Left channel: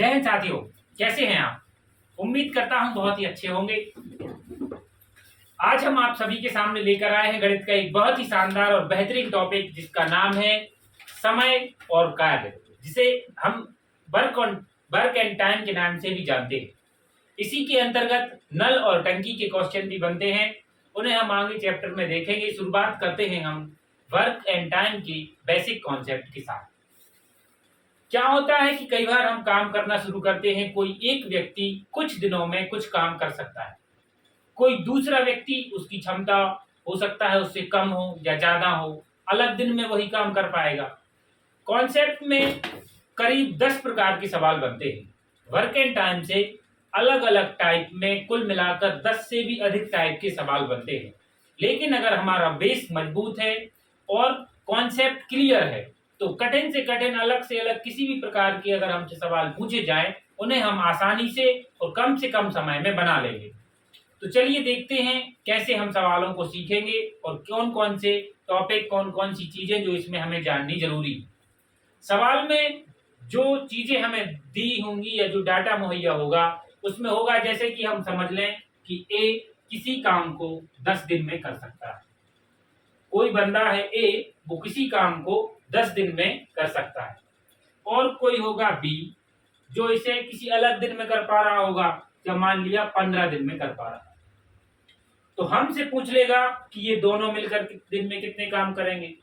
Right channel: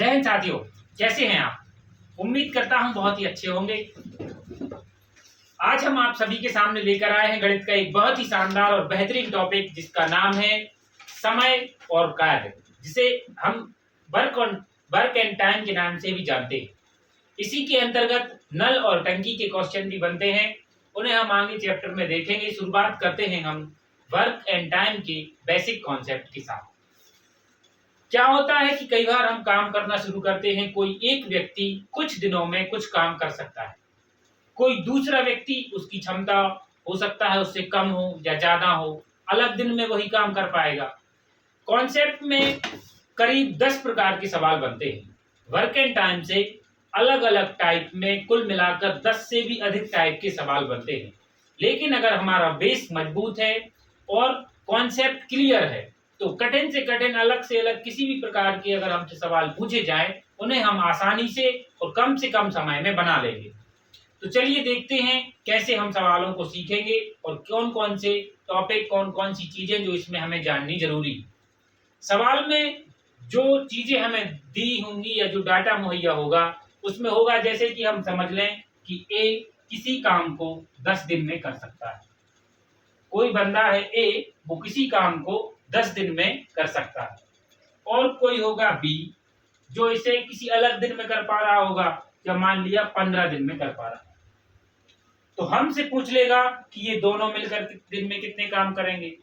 जय हिंद साथियों, कैसे हैं आप? उम्मीद करता हूं बहुत ही अच्छे होंगे। आज हम आप सभी के सामने लेकर आए हैं गणित का एक बहुत ही शानदार और बेहतरीन टॉपिक, जिसका नाम है समय और कार्य, जिसे हम वर्क एंड टाइम के नाम से भी जानते हैं। इसी के अंतर्गत नल और टंकी के क्वेश्चन भी बनते हैं, उन्हें हम आगे चैप्टर में देखेंगे। शुरुआत करते हैं हम वर्क एंड टाइम के बेसिक कॉन्सेप्ट के साथ। क्या होता है कि कई बार हम काम करना शुरू करते हैं, कोई एक व्यक्ति कुछ दिनों में कुछ काम कर सकता है, कोई दूसरा व्यक्ति उसकी क्षमता हो सकता है उससे कम हो या ज्यादा हो, अलग दिन में वही काम कर पाएगा। कॉन्सेप्ट में करीब 10 प्रकार के सवाल बनते हैं। वर्क एंड टाइम से अलग अलग टाइप में कुल मिलाकर 10 से भी अधिक टाइप के सवाल बनते हैं। लेकिन अगर हमारा बेस मजबूत है और कॉन्सेप्ट क्लियर है, तो कठिन से कठिन, अलग से अलग किसी भी प्रकार के अगर हमसे सवाल पूछे जाएं, उन्हें हम आसानी से और कम से कम समय में बना लेंगे। तो चलिए देखते हैं कैसे हम सवालों को सीखेंगे और कौन कौन से टॉपिक, कौन कौन सी चीजें जो इसमें हमें जाननी जरूरी। सवाल में जो चीजें हमें दी होंगी या जो डाटा मुहैया होगा, उसमें होगा जैसे कि हम समझ लें कि ए किसी काम को 10 दिन में कर सकता है। कोई बंदा है ए, वो किसी काम को 10 दिन में कर सकता है। और कोई होगा बी, जो इसे किसी अलग दिन में कर पा रहा होगा, या मान लिया 15 दिन में कर पा रहा है। तो हमसे पूछ लेगा कि ये दोनों मिलकर दिन में कितने काम करेंगे।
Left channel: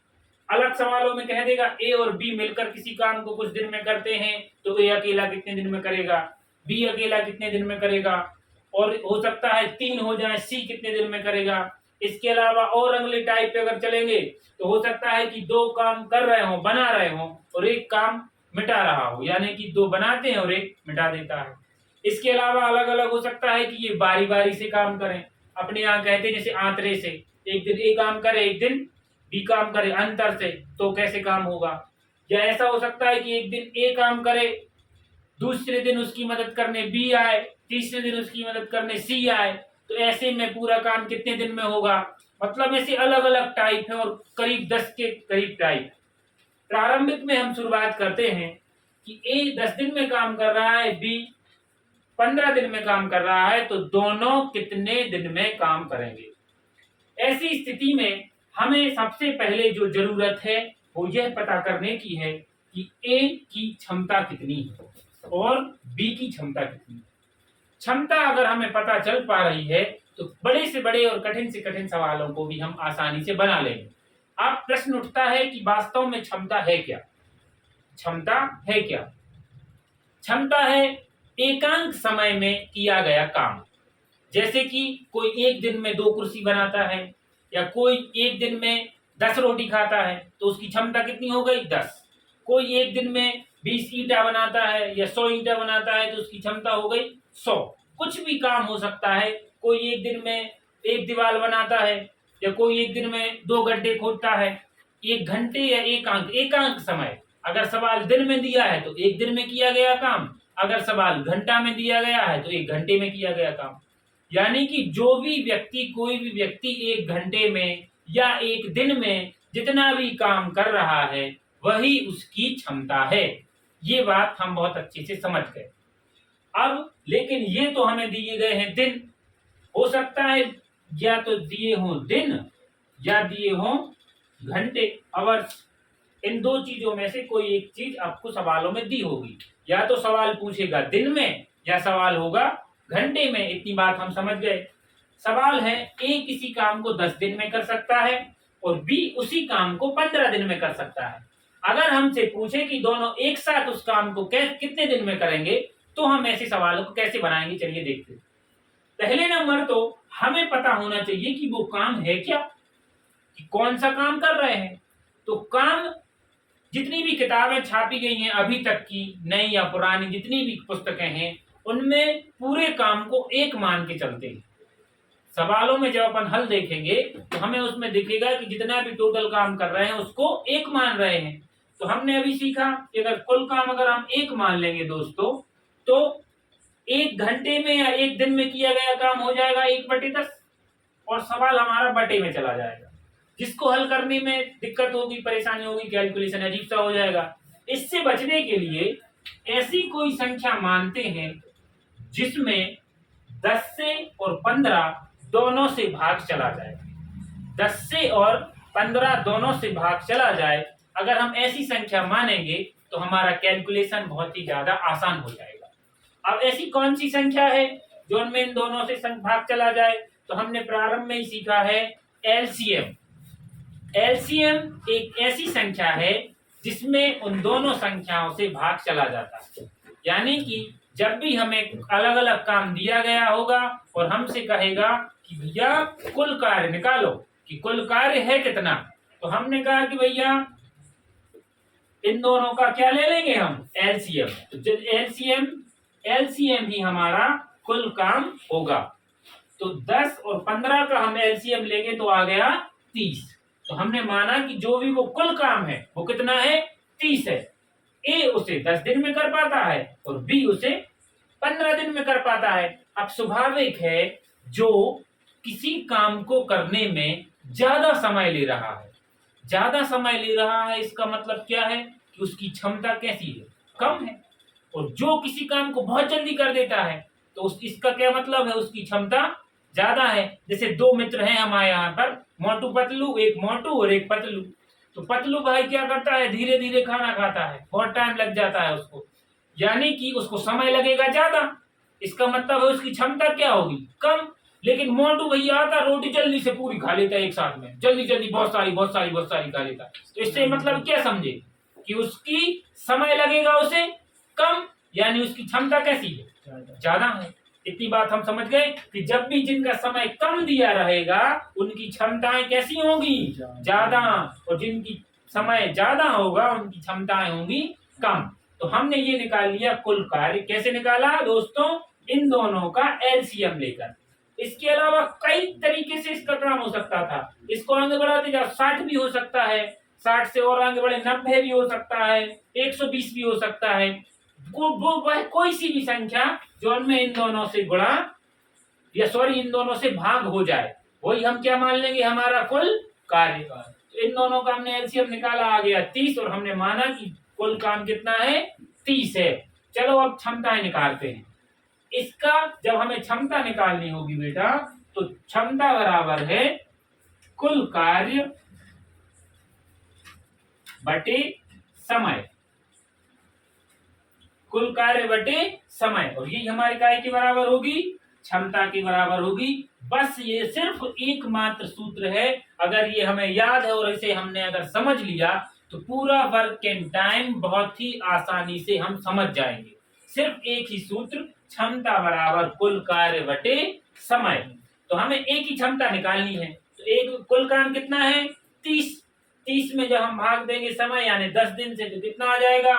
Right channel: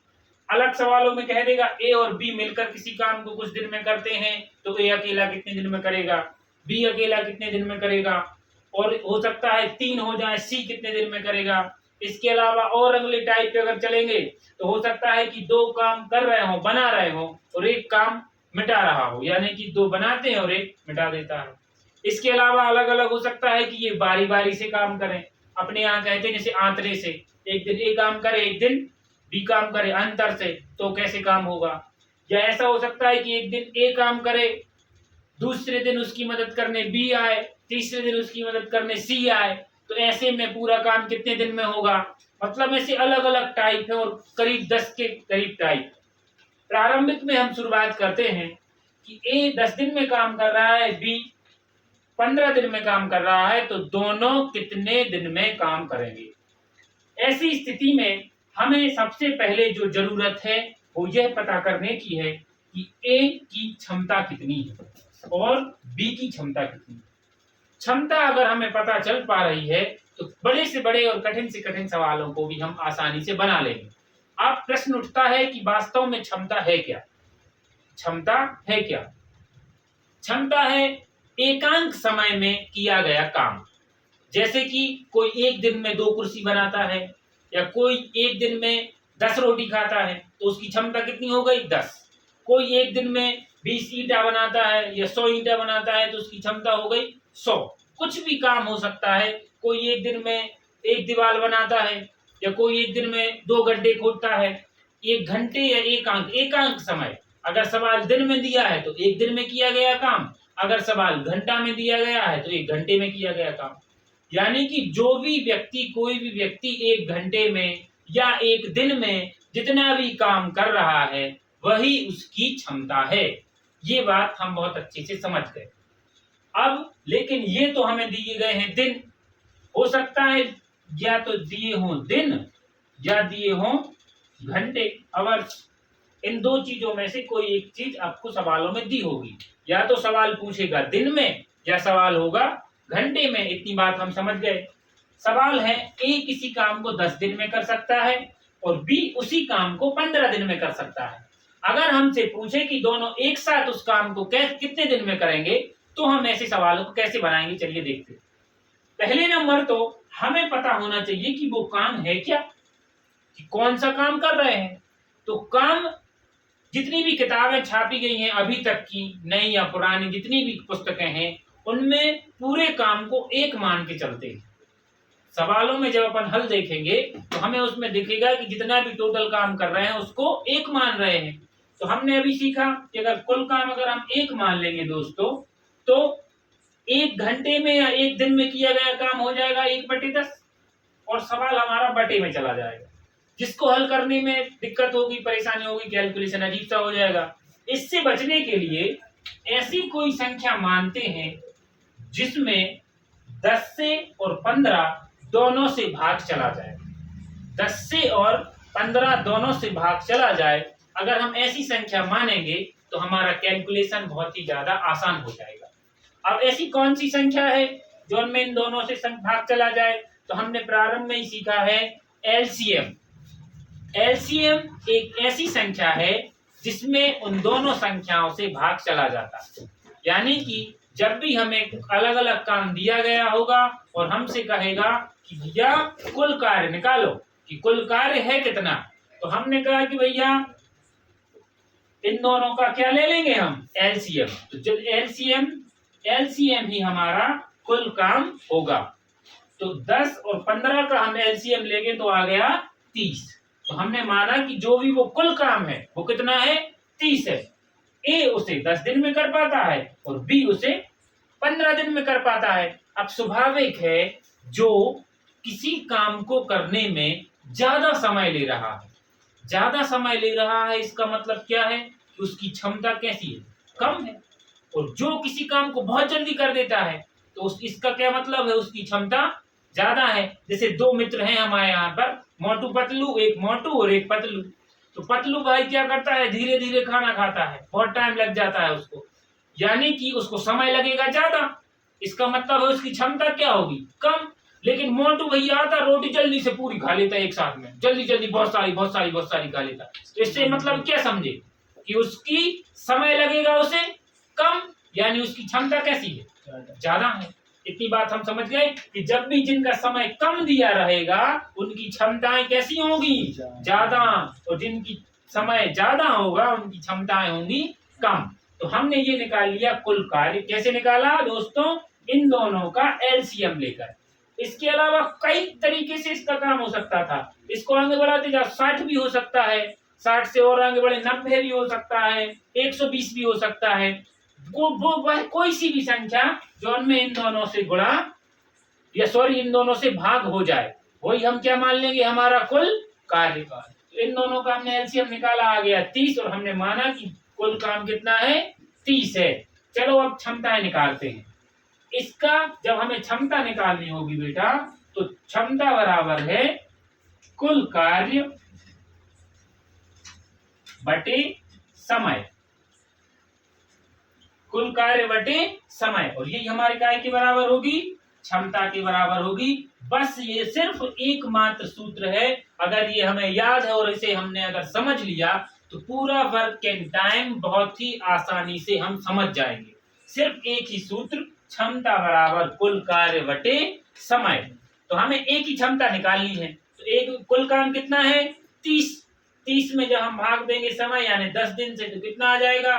अलग सवालों में कह देगा ए और बी मिलकर किसी काम को कुछ दिन में करते हैं, तो ए अकेला कितने दिन में करेगा, बी अकेला कितने दिन में करेगा, और हो सकता है 3 हो जाए, सी कितने दिन में करेगा। इसके अलावा और अगले टाइप पे अगर चलेंगे तो हो सकता है कि 2 काम कर रहे हो, बना रहे हो, और एक काम मिटा रहा हो, यानी कि 2 बनाते हैं और एक मिटा देता है। इसके अलावा अलग अलग हो सकता है कि ये बारी बारी से काम करें। अपने यहाँ कहते हैं जैसे आंतरे से, एक दिन ए काम करे, एक दिन बी काम करे, अंतर से, तो कैसे काम होगा। या ऐसा हो सकता है कि एक दिन ए काम करे, दूसरे दिन उसकी मदद करने बी आए, तीसरे दिन उसकी मदद करने सी आए, तो ऐसे में पूरा काम कितने दिन में होगा। मतलब ऐसे अलग अलग टाइप है और करीब 10 के करीब टाइप। प्रारंभिक में हम शुरुआत करते हैं कि ए 10 दिन में काम कर रहा है, बी 15 दिन में काम कर रहा है, तो दोनों कितने दिन में काम करेंगे। ऐसी स्थिति में हमें सबसे पहले जो जरूरत है वो यह पता करने की है कि ए की क्षमता कितनी है और बी की क्षमता कितनी है। क्षमता अगर हमें पता चल पा रही है, तो बड़े से बड़े और कठिन से कठिन सवालों को भी हम आसानी से बना लेंगे। अब प्रश्न उठता है कि वास्तव में क्षमता है क्या। क्षमता है क्या? क्षमता है एकांक समय में किया गया काम। जैसे कि कोई एक दिन में 2 कुर्सी बनाता है, या कोई एक दिन में 10 रोटी खाता है, तो उसकी क्षमता कितनी हो गई? 10। कोई एक दिन में 20 ईंटा बनाता है या 100 ईंटा बनाता है, तो उसकी क्षमता हो गई 100। कुछ भी काम हो सकता है। कोई एक दिन में एक दीवार बनाता है, या कोई एक दिन में 2 गड्ढे खोदता है। 1 घंटे या एकांक समय। अगर सवाल दिन में दिया है तो 1 दिन में किया गया काम, अगर सवाल घंटा में दिया गया है तो 1 घंटे में किया गया काम। यानी कि जो भी व्यक्ति, कोई भी व्यक्ति 1 घंटे में या 1 दिन में जितना भी काम कर रहा है, वही उसकी क्षमता है। ये बात हम बहुत अच्छे से समझ गए। अब लेकिन ये तो हमें दिए गए हैं दिन। हो सकता है या तो दिए हों दिन या दिए हों घंटे, आवर्स। इन 2 चीजों में से कोई एक चीज आपको सवालों में दी होगी। या तो सवाल पूछेगा दिन में, या सवाल होगा घंटे में। इतनी बात हम समझ गए। सवाल है ए किसी काम को 10 दिन में कर सकता है और बी उसी काम को 15 दिन में कर सकता है। अगर हमसे पूछे कि दोनों एक साथ उस काम को कितने दिन में करेंगे, तो हम ऐसे सवालों को कैसे बनाएंगे, चलिए देखते हैं। पहले नंबर तो हमें पता होना चाहिए कि वो काम है क्या, कि कौन सा काम कर रहे हैं। तो काम, जितनी भी किताबें छापी गई हैं अभी तक की, नई या पुरानी जितनी भी पुस्तकें हैं, उनमें पूरे काम को एक मान के चलते हैं। सवालों में जब अपन हल देखेंगे तो हमें उसमें दिखेगा कि जितना भी टोटल काम कर रहे हैं उसको एक मान रहे हैं। तो हमने अभी सीखा कि अगर कुल काम अगर हम एक मान लेंगे दोस्तों, तो 1 घंटे में या 1 दिन में किया गया काम हो जाएगा 1/10, और सवाल हमारा बटे में चला जाएगा। जिसको हल करने में दिक्कत होगी, परेशानी होगी, कैलकुलेशन अजीब सा हो जाएगा। इससे बचने के लिए ऐसी कोई संख्या मानते हैं जिसमें 10 से और 15 दोनों से भाग चला जाए। 10 से और 15 दोनों से भाग चला जाए, अगर हम ऐसी संख्या मानेंगे तो हमारा कैलकुलेशन बहुत ही ज्यादा आसान हो जाएगा। अब ऐसी कौन सी संख्या है जो उनमें इन दोनों से भाग चला जाए? तो हमने प्रारंभ में ही सीखा है एलसीएम। एलसीएम एक ऐसी संख्या है जिसमें उन दोनों संख्याओं से भाग चला जाता है। यानी कि जब भी हमें अलग अलग काम दिया गया होगा और हमसे कहेगा कि भैया कुल कार्य निकालो कि कुल कार्य है कितना, तो हमने कहा कि भैया इन दोनों का क्या ले लेंगे हम, एलसीएम। तो जब एलसीएम ही हमारा कुल काम होगा। तो 10 और 15 का हम एलसीएम लेंगे तो आ गया 30। तो हमने माना कि जो भी वो कुल काम है वो कितना है, 30 है। ए उसे 10 दिन में कर पाता है और बी उसे 15 दिन में कर पाता है। अब स्वाभाविक है जो किसी काम को करने में ज्यादा समय ले रहा है, ज्यादा समय ले रहा है, इसका मतलब क्या है कि उसकी क्षमता कैसी है, कम है। और जो किसी काम को बहुत जल्दी कर देता है तो इसका क्या मतलब है, उसकी क्षमता ज्यादा है। जैसे दो मित्र हैं हमारे यहाँ पर, मोटू पतलू, एक मोटू और एक पतलू। तो पतलू भाई क्या करता है, धीरे धीरे खाना खाता है, बहुत टाइम लग जाता है उसको, यानी कि उसको समय लगेगा ज्यादा। इसका मतलब है उसकी क्षमता क्या होगी, कम। लेकिन मोटू भैया आता, रोटी जल्दी से पूरी खा लेता है एक साथ में, जल्दी जल्दी बहुत सारी खा लेता है। तो इससे मतलब क्या समझे कि उसकी समय लगेगा उसे कम, यानी उसकी क्षमता कैसी है, ज्यादा है। इतनी बात हम समझ गए कि जब भी जिनका समय कम दिया रहेगा उनकी क्षमताएं कैसी होंगी, ज्यादा, और जिनकी समय ज्यादा होगा उनकी क्षमताएं होंगी कम। तो हमने ये निकाल लिया कुल कार्य। कैसे निकाला दोस्तों, इन दोनों का एलसीएम लेकर। इसके अलावा कई तरीके से इसका काम हो सकता था। इसको आगे बढ़ाते जाओ, 60 भी हो सकता है, 60 से और आगे बढ़े 90 भी हो सकता है, 120 भी हो सकता है। वह कोई सी भी संख्या जो उनमें इन दोनों से गुणा या इन दोनों से भाग हो जाए, वही हम क्या मान लेंगे, हमारा कुल कार्य। तो इन दोनों का हमने एलसीएम निकाला, आ गया 30, और हमने माना कि कुल काम कितना है, 30 है। चलो अब क्षमताएं निकालते हैं। इसका जब हमें क्षमता निकालनी होगी बेटा, तो क्षमता बराबर है कुल कार्य बटे समय, कुल कार्य बटे समय। और यही हमारी काय के बराबर होगी, क्षमता के बराबर होगी। बस ये सिर्फ एकमात्र सूत्र है, अगर ये हमें याद है और इसे हमने अगर समझ लिया तो पूरा वर्क एंड टाइम बहुत ही आसानी से हम समझ जाएंगे। सिर्फ एक ही सूत्र, क्षमता बराबर कुल कार्य बटे समय। तो हमें एक ही क्षमता निकालनी है। तो एक कुल काम कितना है, 30। 30 में जब हम भाग देंगे समय, यानी 10 दिन से, तो कितना आ जाएगा,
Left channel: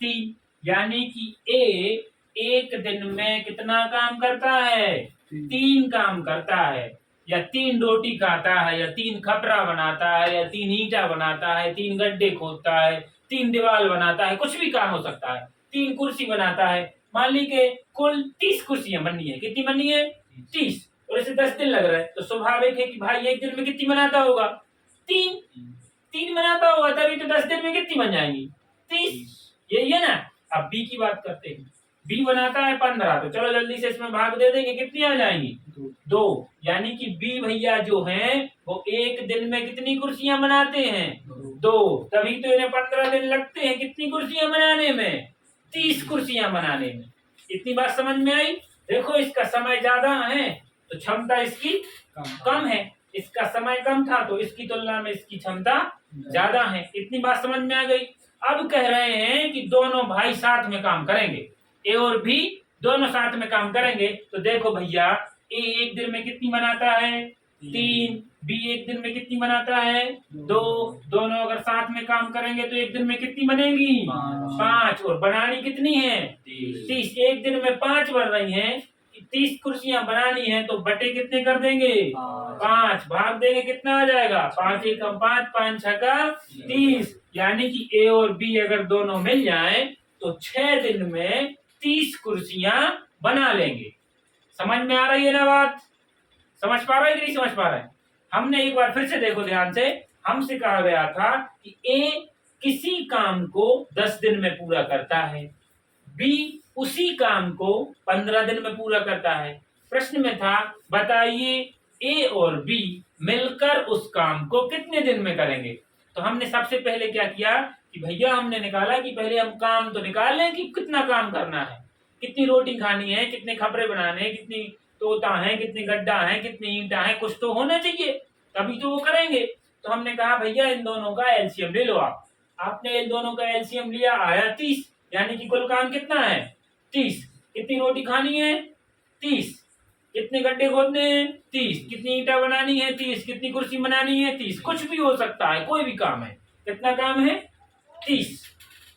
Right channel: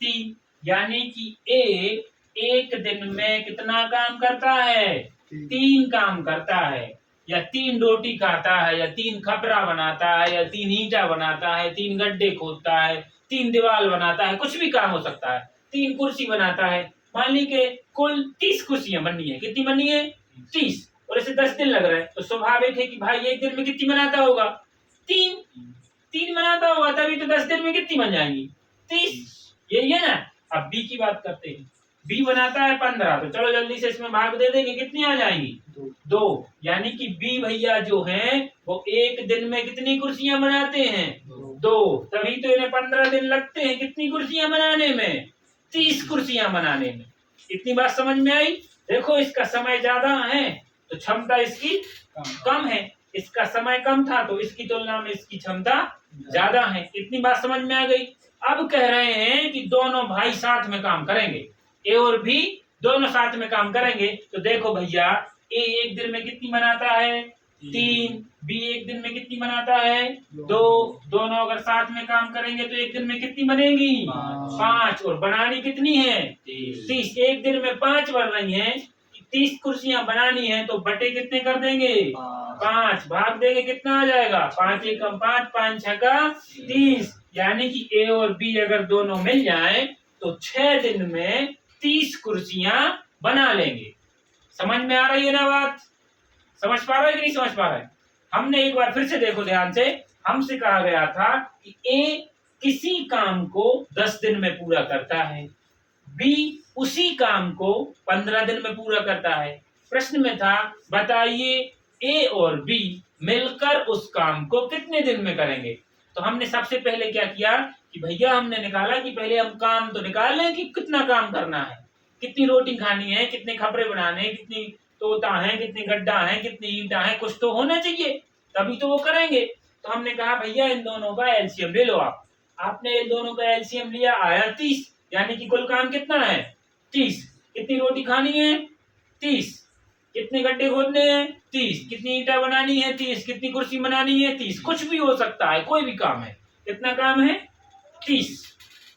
3। यानी कि ए एक दिन में कितना काम करता है, 3 काम करता है। या 3 रोटी खाता है, या 3 खपरा बनाता है, या 3 ईंटा बनाता है, 3 गड्ढे खोदता है, 3 दीवार बनाता है, कुछ भी काम हो सकता है। 3 कुर्सी बनाता है। मान लीजिए कुल 30 कुर्सियां बननी है। कितनी बननी है, 30, और इसे 10 दिन लग रहा है। तो स्वाभाविक है कि भाई एक दिन में कितनी बनाता होगा, 3 बनाता होगा, तभी तो 10 दिन में कितनी बन जाएंगी, 30। यही है ना। अब बी की बात करते हैं। बी बनाता है 15, तो चलो जल्दी से इसमें भाग दे देंगे, कितनी आ जाएंगी, 2। यानी कि बी भैया जो हैं वो एक दिन में कितनी कुर्सियां बनाते हैं, 2। तभी तो इन्हें 15 दिन लगते हैं कितनी कुर्सियां बनाने में, 30 कुर्सियां बनाने में। इतनी बात समझ में आई। देखो इसका समय ज्यादा है तो क्षमता इसकी कम है, इसका समय कम था तो इसकी तुलना में इसकी क्षमता ज्यादा है। इतनी बात समझ में आ गई। अब कह रहे हैं कि दोनों भाई साथ में काम करेंगे, ए और बी दोनों साथ में काम करेंगे। तो देखो भैया, ए एक दिन में कितनी बनाता है, 3। बी एक दिन में कितनी बनाता है, 2। दोनों अगर साथ में काम करेंगे तो एक दिन में कितनी बनेगी, 5। और बनानी कितनी है, 30। एक दिन में 5 बन रही हैं, 30 कुर्सियां बनानी है, तो बटे कितने कर देंगे, 5। भाग देंगे, कितना आ जाएगा, 5 एकम 5, 5 छका 30। यानी कि ए और बी अगर दोनों मिल जाएं तो 6 दिन में 30 कुर्सियां बना लेंगे। समझ में आ रही है ना बात, समझ पा रहे हो कि नहीं समझ पा रहे हैं। हमने एक बार फिर से देखो ध्यान से, हमसे कहा गया था कि ए किसी काम को 10 दिन में पूरा करता है, बी उसी काम को 15 दिन में पूरा करता है। प्रश्न में था बताइए ए और बी मिलकर उस काम को कितने दिन में करेंगे। तो हमने सबसे पहले क्या किया कि भैया हमने निकाला कि पहले हम काम तो निकाल लें कि कितना काम करना है, कितनी रोटी खानी है, कितने खपरे बनाने हैं, कितनी तोता है, कितनी गड्ढा है, कितनी ईंटा है, कुछ तो होना चाहिए तभी तो वो करेंगे। तो हमने कहा भैया इन दोनों का एलसीएम ले लो आप। आपने इन दोनों का एलसीएम लिया, आया 30, यानी कि कुल काम कितना है 30। कितनी रोटी खानी है 30, कितने गड्ढे खोदने हैं 30, कितनी ईंटा बनानी है 30, कितनी कुर्सी बनानी है 30, कुछ भी हो सकता है, कोई भी काम है। कितना काम है 30।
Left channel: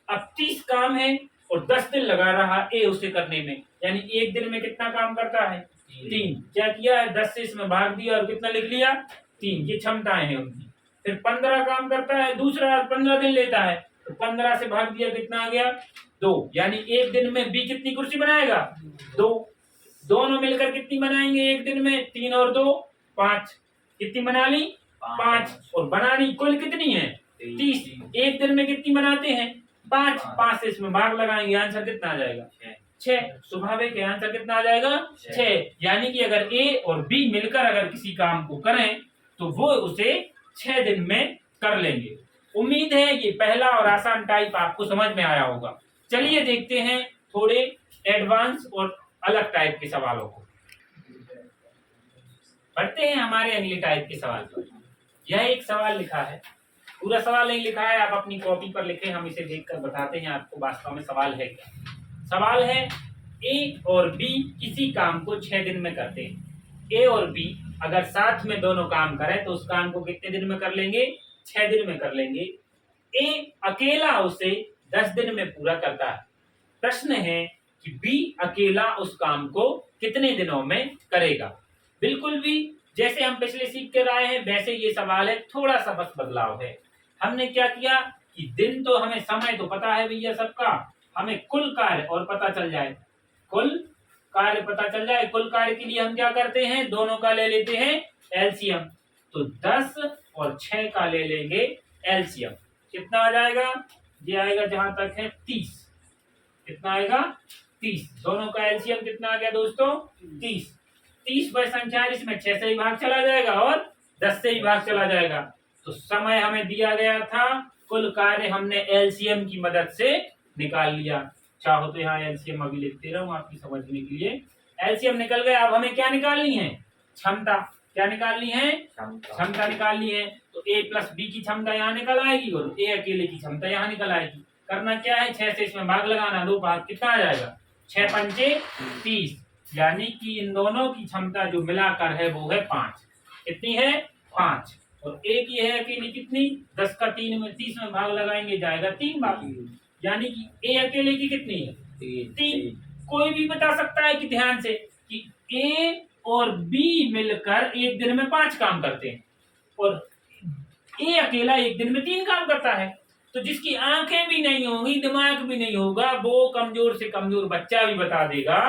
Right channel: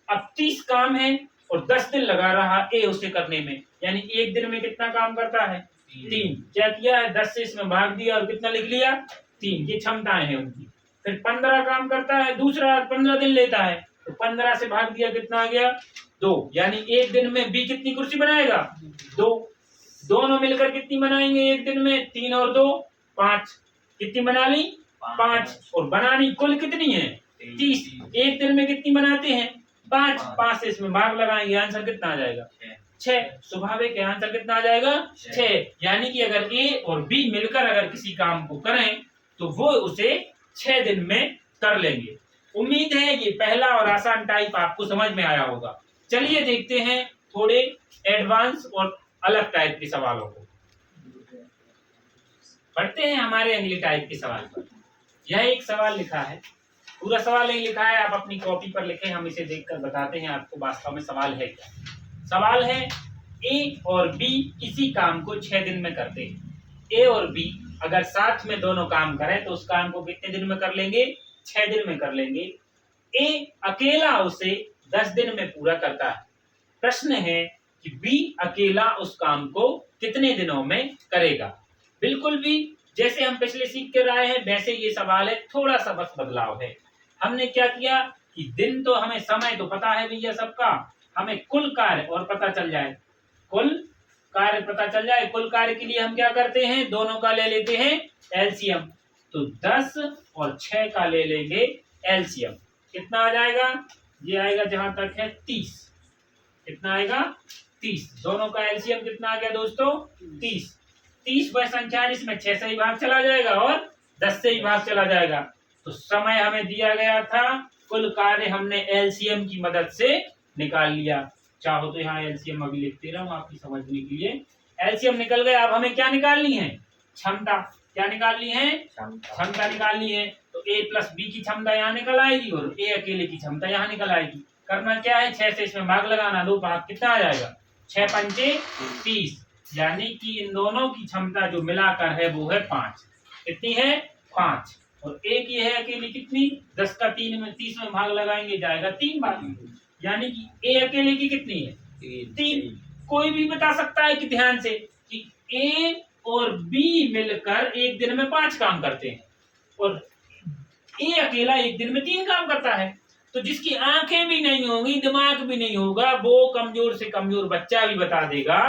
अब 30 काम है और 10 दिन लगा रहा ए उसे करने में, यानी एक दिन में कितना काम करता है 3। क्या किया है 10 से इसमें भाग दिया और कितना लिख लिया 3। ये क्षमताएं हैं उनकी। फिर 15 काम करता है, दूसरा 15 दिन लेता है, तो 15 से भाग दिया कितना आ गया 2, यानी एक दिन में बी कितनी कुर्सी बनाएगा 2। दोनों मिलकर कितनी बनाएंगे एक दिन में 3 और 2 5। कितनी बना ली 5, और बनानी कुल कितनी है 30। एक दिन में कितनी बनाते हैं 5। 5 से इसमें भाग लगाएंगे, आंसर कितना आ जाएगा 6। स्वाभाविक आंसर कितना आ जाएगा 6। यानी कि अगर ए और बी मिलकर अगर किसी काम को करें तो वो उसे 6 दिन में कर लेंगे। उम्मीद है ये पहला और आसान टाइप आपको समझ में आया होगा। चलिए देखते हैं थोड़े एडवांस और अलग टाइप के सवालों को। पढ़ते हैं हमारे अगले टाइप के सवाल पर। यह एक सवाल लिखा है, पूरा सवाल नहीं लिखा है, आप अपनी कॉपी पर लिखें, हम इसे देखकर बताते हैं आपको वास्तव में सवाल है क्या। सवाल है ए और बी किसी काम को 6 दिन में करते हैं। ए और बी अगर साथ में दोनों काम करें तो उस काम को कितने दिन में कर लेंगे 6 दिन में कर लेंगे। ए अकेला उसे 10 दिन में पूरा करता है। प्रश्न है कि बी अकेला उस काम को कितने दिनों में करेगा। बिल्कुल भी जैसे हम पिछले सीख कर आए हैं वैसे ये सवाल है, थोड़ा सा बस बदलाव है। हमने क्या किया कि दिन तो हमें समय तो पता है भैया सबका, हमें कुल कार्य और पता चल जाए, कुल कार्य पता चल जाए। कुल कार्य के लिए हम क्या करते हैं दोनों का ले लेते हैं एलसीएम। तो 10 और 6 का ले लेंगे एलसीएम। कितना आ जाएगा, ये आएगा जहां तक है 30। कितना आएगा 30। दोनों का एलसीएम कितना आ गया दोस्तों 30। 30 बाय संख्या इसमें 6 से ही भाग चला जाएगा और 10 से ही भाग चला जाएगा। तो समय हमें दिया गया था, कुल कार्य हमने एलसीएम की मदद से निकाल लिया। चाहो तो यहाँ एलसीएम अभी लिखते रहूं आपकी समझने के लिए। एलसीएम निकल गया। अब हमें क्या निकालनी है क्षमता। क्या निकालनी है क्षमता निकालनी है। तो ए प्लस बी की क्षमता यहाँ निकल आएगी और ए अकेले की क्षमता यहाँ निकल आएगी। करना क्या है 6 से इसमें भाग लगाना, 2 भाग कितना आ जाएगा 6 पंचे 30, यानी कि इन दोनों की क्षमता जो मिलाकर है वो है 5। कितनी है 5। और ए की है अकेली कितनी 10 का 3 में 30 में भाग लगाएंगे जाएगा 3 भाग, यानी कि ए अकेले की कितनी है 3। कोई भी बता सकता है कि ध्यान से कि ए और बी मिलकर एक दिन में 5 काम करते हैं और ए अकेला एक दिन में 3 काम करता है। तो जिसकी आंखें भी नहीं होंगी, दिमाग भी नहीं होगा, वो कमजोर से कमजोर बच्चा भी बता देगा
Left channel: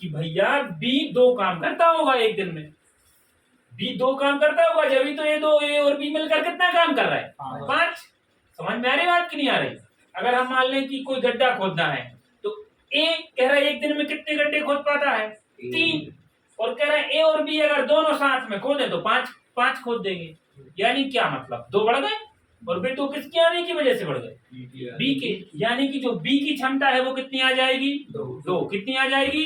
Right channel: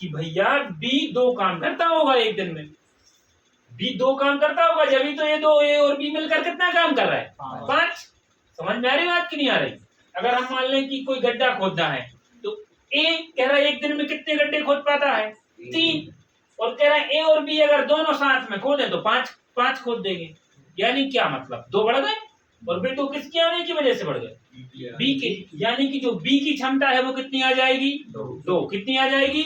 कि भैया बी 2 काम करता होगा एक दिन में। बी 2 काम करता होगा, जब भी तो ए और बी मिलकर कितना काम कर रहा है 5। समझ में आ रही बात कि नहीं आ रही। अगर हम मान लें कि कोई गड्ढा खोदना है तो ए कह रहा है एक दिन में कितने गड्ढे खोद पाता है 3, और कह रहा है ए और बी अगर दोनों साथ में खोदें तो 5 खोद देंगे। यानी क्या मतलब 2 बढ़ गए, और बे 2 किसके आने की वजह से बढ़ गए बी के। यानी कि जो बी की क्षमता है वो कितनी आ जाएगी 2। कितनी आ जाएगी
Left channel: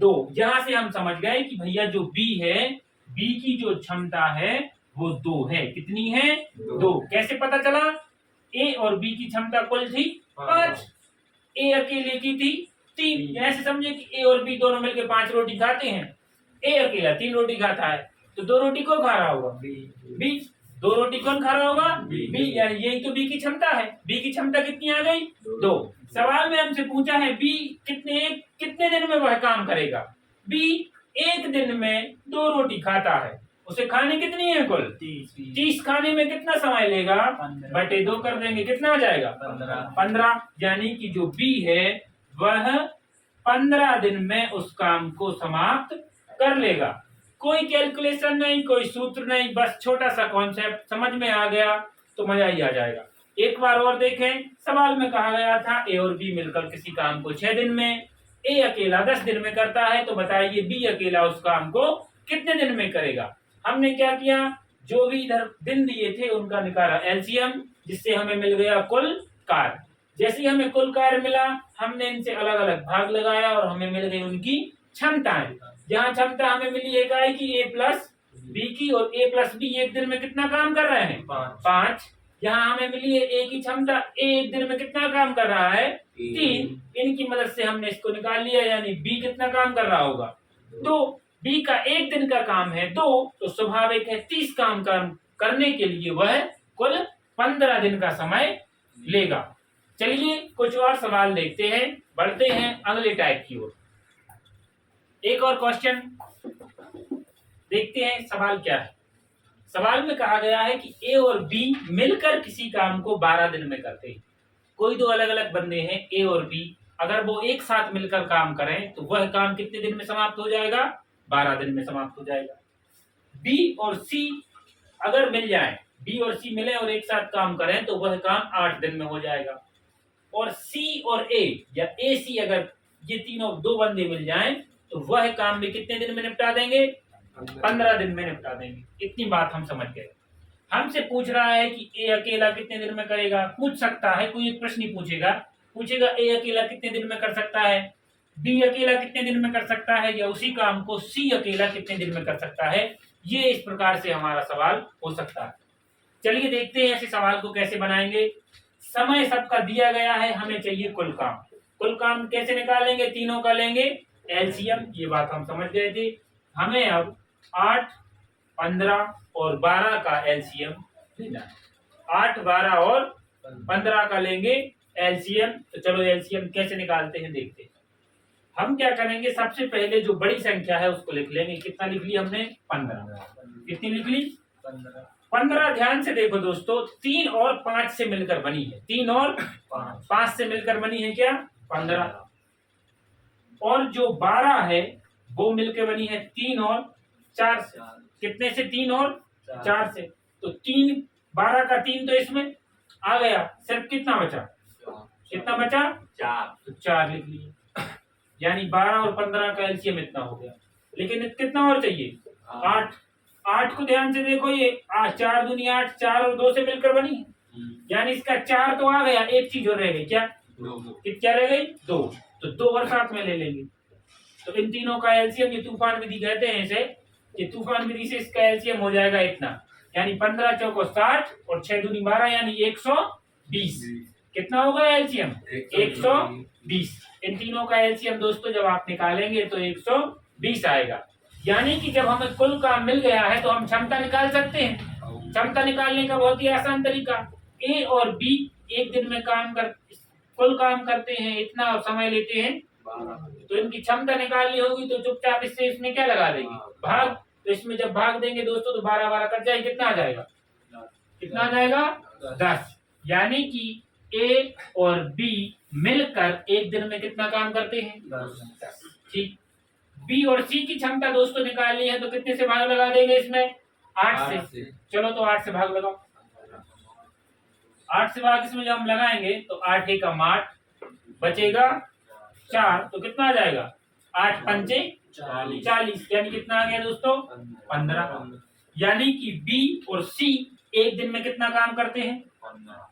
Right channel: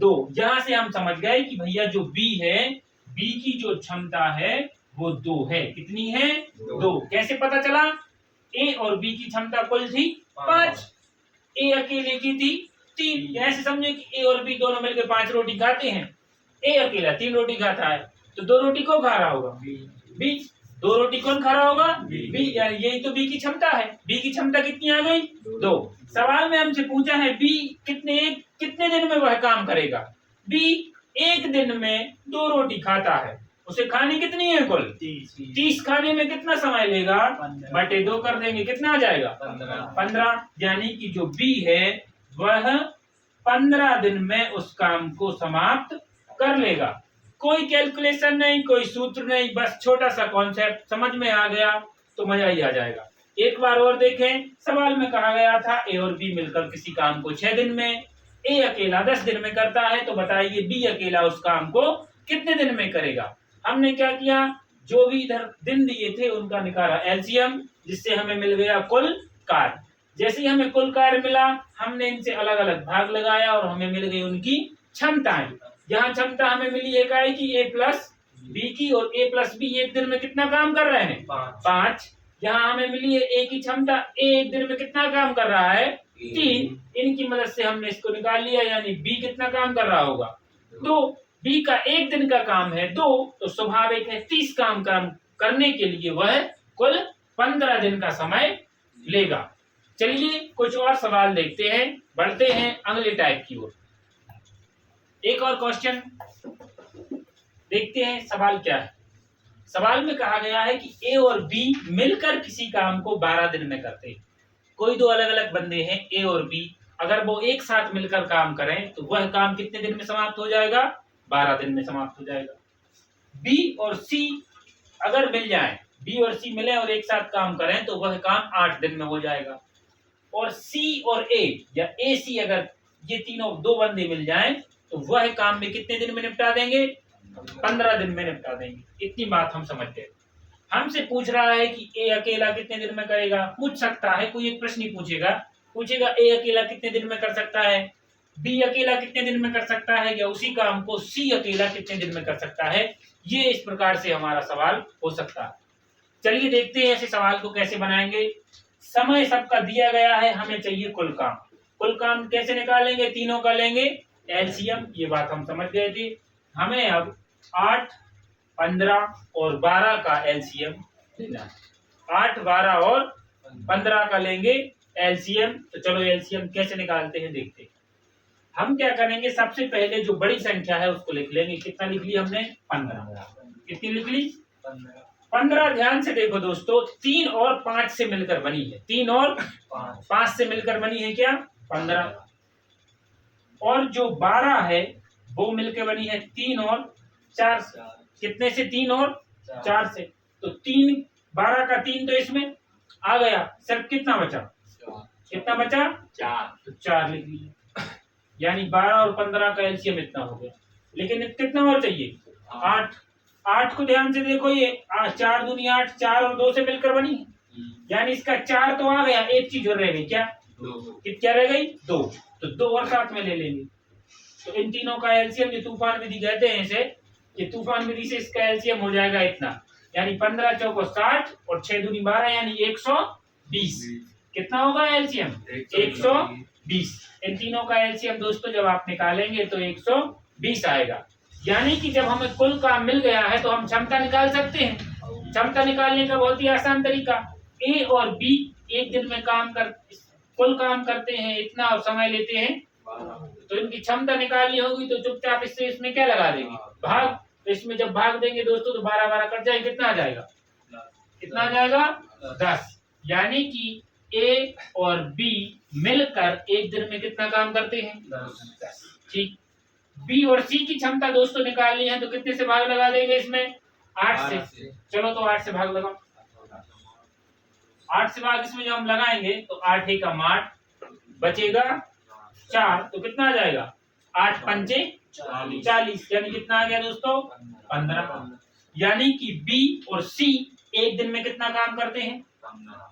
2। यहां से हम समझ गए कि भैया जो बी है, बी की जो क्षमता है वो 2 है। कितनी है 2। कैसे पता चला, ए और बी की क्षमता कुल थी 5, ए अकेले की थी 3। ऐसे समझे कि ए और बी दोनों मिलकर 5 रोटी खाते हैं, ए अकेला 3 रोटी खाता है, तो 2 रोटी कौन खा रहा होगा बी। 2 रोटी कौन खा रहा होगा बी, यानी यही तो बी की क्षमता है। बी की क्षमता कितनी आ गई 2। सवाल में हमसे पूछा है बी कितने दिन में वह काम करेगा। बी एक दिन में 2 रोटी खाता है, उसे खानी कितनी है कुल 30। खाने में कितना समय लेगा बटे 2 कर देंगे, कितना आ जाएगा 15। यानी कि जो बी है वह 15 दिन में उस काम को समाप्त कर लेगा। कोई कैलकुलेशन नहीं, कोई सूत्र नहीं, बस छोटा सा कॉन्सेप्ट समझ में आ गया तो मजा ही आ जाएगा। एक बार और देखें, सवाल में कहा गया था ए और बी मिलकर किसी काम को 6 दिन में, ए अकेला 10 दिन में करता है, तो बताइए बी अकेला उस काम को कितने दिन में करेगा। हमने क्या किया, जो भी इधर दिन दिए थे उनका निकाला एलसीएम, जिससे हमें मिल गया कुल कार्य। जैसे ही हमें कुल कार्य मिला, हमने इनसे अलग अलग भाग लगाया और हमें मिल गई उनकी क्षमताएं। जहां क्षमता हमें मिली इकाई की ए प्लस बी की, और ए प्लस बी एक दिन में कितना काम कर रहे हैं, 5। यहाँ हमें मिली है ए की क्षमता, ए एक दिन में कितना काम कर रहा है, 3। इनकी मदद से हमने इसको निकाल लिया, यानी बी कितना काम कर रहा होगा, 2। बी का एक दिन का काम है 2, तो स्वाभाविक है 30 काम करने के लिए वह कुल 15 दिन का समय लेगा। चलिए कुछ और सवाल देखते हैं, बढ़ते हैं अगले टाइप की ओर। एक और क्वेश्चन देखते हैं, सवाल क्या है। सवाल में कहा गया है कि ए और बी मिलकर किसी काम को 12 दिन में करते हैं। कोई दो अलग अलग बंदे हैं ए और बी, अगर वो एक साथ मिलकर काम करें तो वह काम कितने दिन में समाप्त हो जाएगा, 12 दिन में समाप्त हो जाएगा। बी और सी अगर मिल जाए, बी और सी मिले और एक साथ काम करें तो वह काम 8 दिन में हो जाएगा। और सी और ए या ए सी, अगर ये तीनों दो बंदे मिल जाएं तो वह काम भी कितने दिन में निपटा देंगे, 15 दिन में निपटा देंगे। इतनी बात हम समझ गए। हमसे पूछ रहा है कि ए अकेला कितने दिन में करेगा। पूछ सकता है, कोई एक प्रश्न ही पूछेगा ए अकेला कितने दिन में कर सकता है, बी अकेला कितने दिन में कर सकता है, या उसी काम को सी अकेला कितने दिन में कर सकता है। ये इस प्रकार से हमारा सवाल हो सकता है। चलिए देखते हैं ऐसे सवाल को कैसे बनाएंगे। समय सबका दिया गया है, हमें चाहिए कुल काम। कुल काम कैसे निकालेंगे, तीनों का लेंगे एलसीएम, ये बात हम समझ गए थे। हमें अब 8, 15 और 12 का एलसीएम लेना है। 8, 12 और 15 का लेंगे एलसीएम। तो चलो एलसीएम कैसे निकालते हैं देखते हैं। हम क्या करेंगे, सबसे पहले जो बड़ी संख्या है उसको लिख लेंगे। कितना लिख लिया हमने, 15। कितनी लिख ली, 15। ध्यान से देखो दोस्तों, 3 और 5 से मिलकर बनी है, 3 और 5 से मिलकर बनी है क्या, 15। और जो 12 है वो मिलकर बनी है 3 और 4 से। कितने से, 3 और 4 से। तो 3, 12 का 3 तो इसमें आ गया, सिर्फ कितना बचा, कितना बचा, 4। तो 4 लिख लिए, यानी 12 और 15 का एलसीएम इतना हो गया। लेकिन कितना और चाहिए, 8। 8 को ध्यान से देखो, ये 4 दूनी 8, 4 और 2 से मिलकर बनी है, यानी इसका 4 तो आ गया, एक चीज और रह गई, क्या, क्या रह गई, 2। तो 2 और साथ में ले लेंगे। तो इन तीनों का एलसीएम, ये तूफान विधि कहते हैं इसे, ये तूफान विधि से इसका एलसीएम हो जाएगा इतना, यानी 15 चौको 60 और 6 दूनी 12, यानी 120। कितना होगा एलसीएम, 120। इन तीनों का एलसीएम दोस्तों जब आप निकालेंगे तो 120 आएगा। यानी कि जब हमें कुल काम मिल गया है तो हम क्षमता निकाल सकते हैं। क्षमता निकालने का बहुत ही आसान तरीका, ए और बी एक दिन में कुल काम करते हैं इतना और समय लेते हैं, तो इनकी क्षमता निकालनी होगी तो चुपचाप इससे इसमें क्या लगा देंगे, भाग। तो इसमें जब भाग देंगे दोस्तों तो 12 12 कट जाए, कितना आ जाएगा, कितना आ जाएगा, 10। यानी कि ए और बी मिलकर एक दिन में कितना काम करते हैं, 10। ठीक। बी और सी की क्षमता दोस्तों निकालनी है तो कितने से भाग लगा देंगे इसमें, 8 से। चलो तो 8 से भाग लगाओ। 8 से भाग इसमें जब हम लगाएंगे तो 8 एकम 8 बचेगा 4, तो कितना आ जाएगा, 8 पंचे 40, यानी कितना आ गया दोस्तों, 15। यानी कि बी और सी एक दिन में कितना काम करते हैं,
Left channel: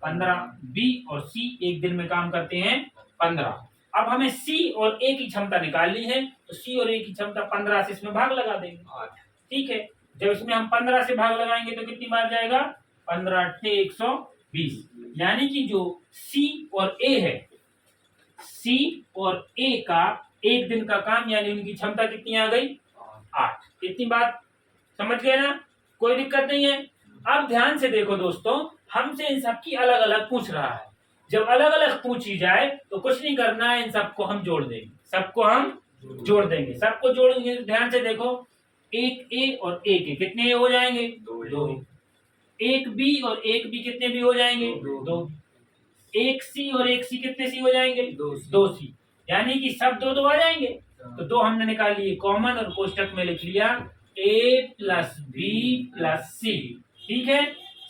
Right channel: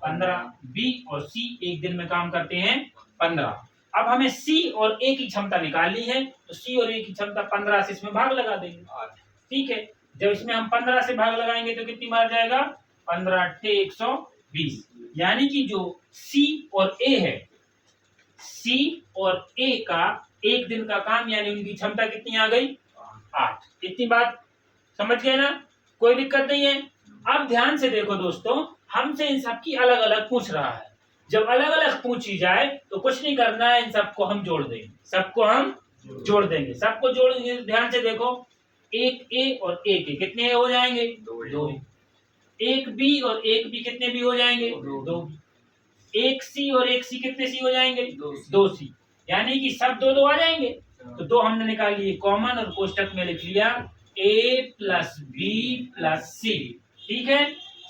15। बी और सी एक दिन में काम करते हैं 15। अब हमें सी और ए की क्षमता निकालनी है, तो सी और ए की क्षमता 15 से इसमें भाग लगा देंगे। ठीक है, जब इसमें हम 15 से भाग लगाएंगे तो कितनी बार जाएगा, 15 8 120। यानी कि जो सी और ए है, सी और ए का एक दिन का काम, यानी उनकी क्षमता कितनी आ गई, 8। इतनी बात समझ गए ना, कोई दिक्कत नहीं है। अब ध्यान से देखो दोस्तों, हमसे इन सबकी अलग अलग पूछ रहा है। जब अलग अलग पूछी जाए तो कुछ नहीं करना है, इन सबको हम जोड़ देंगे, सबको हम जोड़ देंगे। सबको जोड़ देंगे तो ध्यान से देखो, एक ए और एक ए कितने हो जाएंगे, 2। एक बी और एक बी कितने बी हो जाएंगे, 2। एक सी और एक सी कितने सी हो जाएंगे, 2 सी। यानी कि सब 2 2 आ जाएंगे। तो 2 हमने निकाल लिए कॉमन और कोष्टक में लिख लिया a प्लस बी प्लस सी। ठीक है,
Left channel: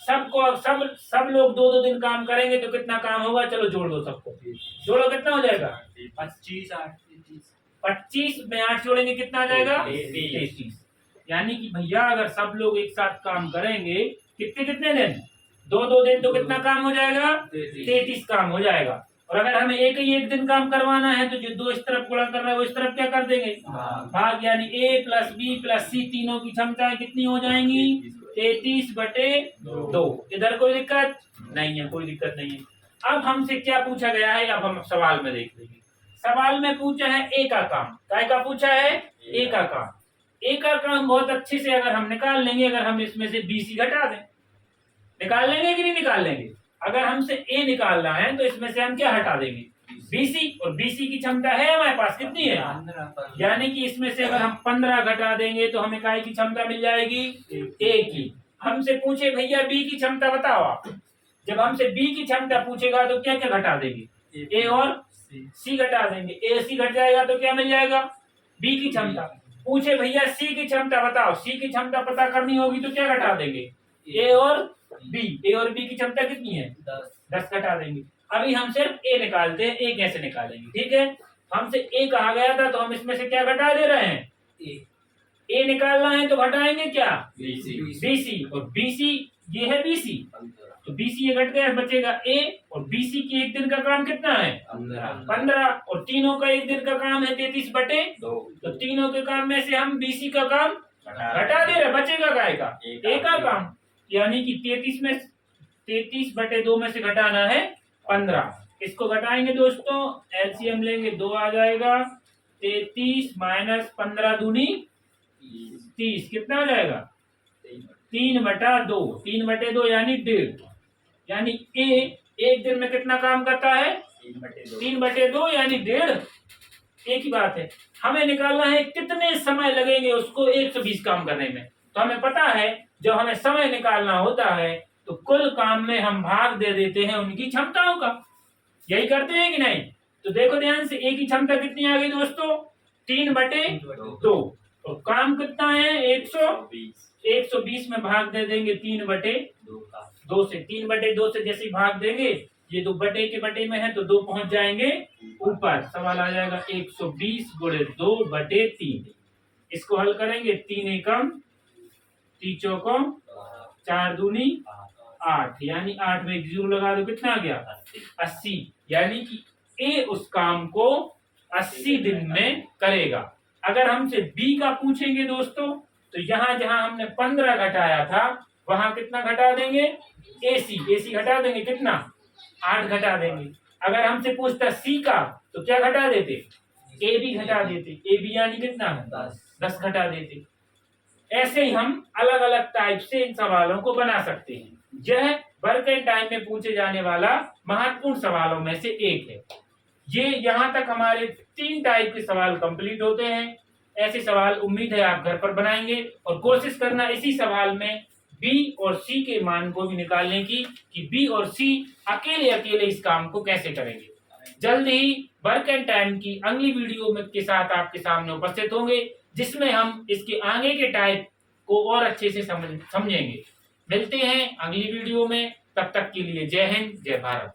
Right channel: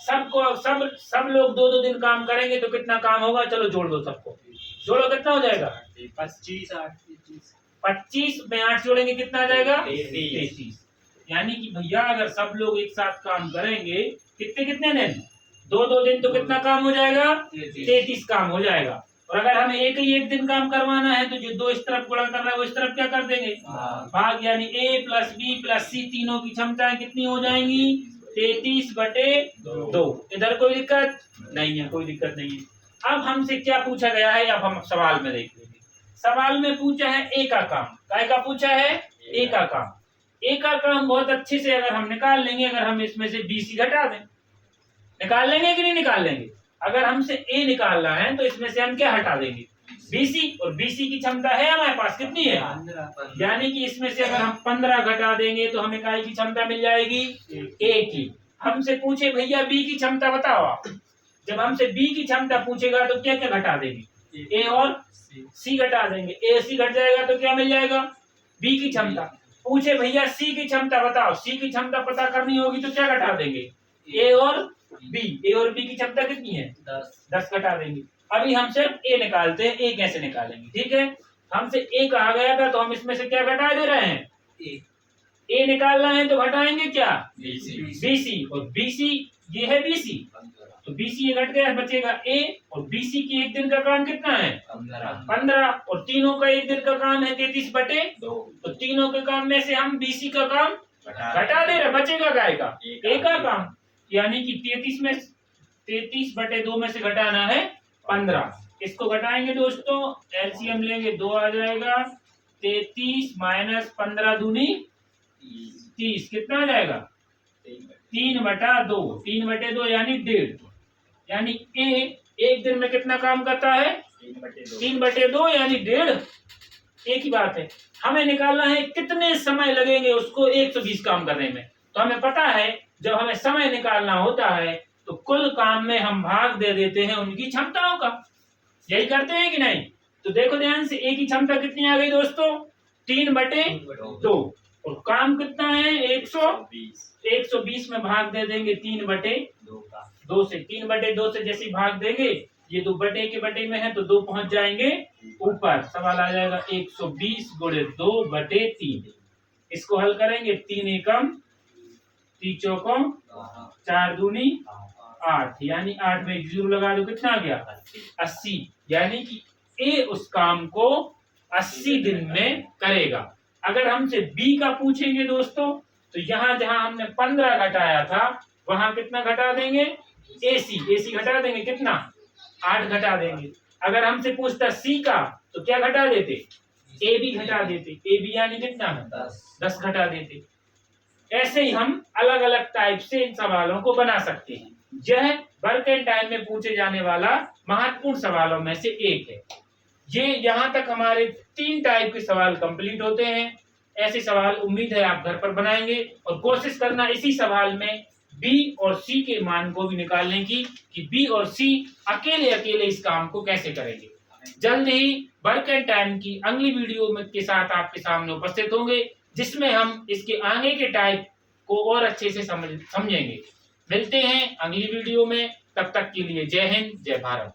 सब लोग 2-2 दिन काम करेंगे तो कितना काम होगा? चलो जोड़ दो सबको, जोड़ो कितना हो जाएगा? 25 8 23। 25 में 8 जोड़ेंगे कितना आ जाएगा? 33। 33। यानी कि भैया अगर सब लोग एक साथ काम करेंगे कितने कितने दिन? 2-2 दिन तो कितना काम हो जाएगा? 33 काम हो जाएगा। और अगर हमें एक दिन काम करवाना है तो जो 2 इस तरफ गुणा कर रहा है वो इस तरफ क्या कर देंगे? भाग। यानी A plus B plus C तीनों की क्षमताएं कितनी हो जाएंगी? 33/2। इधर कोई दिक्कत नहीं है, कोई दिक्कत नहीं है। अब हमसे क्या पूछा गया है, अब हम सवाल में देख लेंगे। सवाल में पूछा है ए का काम। काय का पूछा है? ए का काम। ए का काम बहुत अच्छे से अगर हम निकाल लेंगे, अगर हम इसमें से BC घटा दें, निकाल लेंगे कि नहीं निकाल लेंगे? अगर हमसे ए निकालना है तो इसमें से हम क्या हटा देंगे? BC। और BC की क्षमता है हमारे पास कितनी है? 15। यानी कि इसमें से अगर हम 15 घटा देंगे तो हमें काय की क्षमता मिल जाएगी? ए की। हमसे पूछे भैया बी की क्षमता बताओ आप। जब हमसे बी की क्षमता पूछेगा तो क्या क्या घटा देंगे? ए और सी घटा देंगे। ए सी घट जाएगा तो क्या मिल जाएगा? बी की क्षमता। पूछे भैया सी की क्षमता बताओ, सी की क्षमता पता करनी होगी तो क्या घटा देंगे? ए और बी। ए और बी की क्षमता कितनी है? 10 घटा देंगे। अभी हम सिर्फ ए निकालते हैं। ए कैसे निकालेंगे? ठीक है, हमसे ए कहा गया था तो हम इसमें से क्या घटा दे रहे हैं? ए निकालना है तो घटाएंगे क्या? BC। और BC ये है BC, तो BC ये घट गया, बचेगा A। और BC की एक दिन का काम कितना है? 15। और तीनों का एक दिन का काम है 33/2। तो तीनों के काम में से हम BC का काम घटा दे रहे, बचेगा काय का? A का काम। यानी कि 33/2 में से घटाना है 15। इसको घटाएंगे दोस्तों, LCM लेंगे, 2 आ जाएगा। 33 माइनस 15 दूनी 30 कितना आ जाएगा? 3/2। 3/2 यानी 1.5। यानी ए एक दिन में कितना काम करता है? 3/2 यानी 1.5। एक ही बात है। हमें निकालना है कितने समय लगेंगे उसको 120 काम करने में। तो हमें पता है जब हमें समय निकालना होता है तो कुल काम में हम भाग दे देते हैं उनकी क्षमताओं का। यही करते हैं कि नहीं? तो देखो ध्यान से, ए की क्षमता कितनी आ गई दोस्तों? 3/2। और काम कितना है? 120 में भाग दे देंगे 3/2 से। 3/2 से जैसे ही भाग देंगे, ये 2 बटे के बटे में है तो 2 पहुंच जाएंगे ऊपर। सवाल आ जाएगा 120 गुणे 2/3। इसको हल करेंगे, 3 एकम 3 चौकों 4 दूनी 8। यानी 8 में 0 लगा दो, कितना आ गया? 80। यानी कि ए उस काम को 80 दिन में करेगा। अगर हमसे बी का पूछेंगे दोस्तों तो यहाँ जहां हमने 15 घटाया था वहां कितना घटा देंगे? AC घटा देंगे, कितना? 8 घटा देंगे। अगर हमसे पूछता सी का तो क्या घटा देते? AB घटा देते। AB यानी कितना है? 10 घटा देते। ऐसे ही हम अलग अलग टाइप से इन सवालों को बना सकते हैं। यह वर्क एंड टाइम में पूछे जाने वाला महत्वपूर्ण सवालों में से एक है। ये यहाँ तक हमारे 3 टाइप के सवाल कंप्लीट होते हैं। ऐसे सवाल उम्मीद है आप घर पर बनाएंगे और कोशिश करना इसी सवाल में बी और सी के मान को भी निकालने की, कि बी और सी अकेले अकेले इस काम को कैसे करेंगे। जल्द ही वर्क एंड टाइम की अगली वीडियो में के साथ आपके सामने उपस्थित होंगे, जिसमें हम इसके आगे के टाइप को और अच्छे से समझेंगे। मिलते हैं अगली वीडियो में, तब तक के लिए जय हिंद, जय भारत।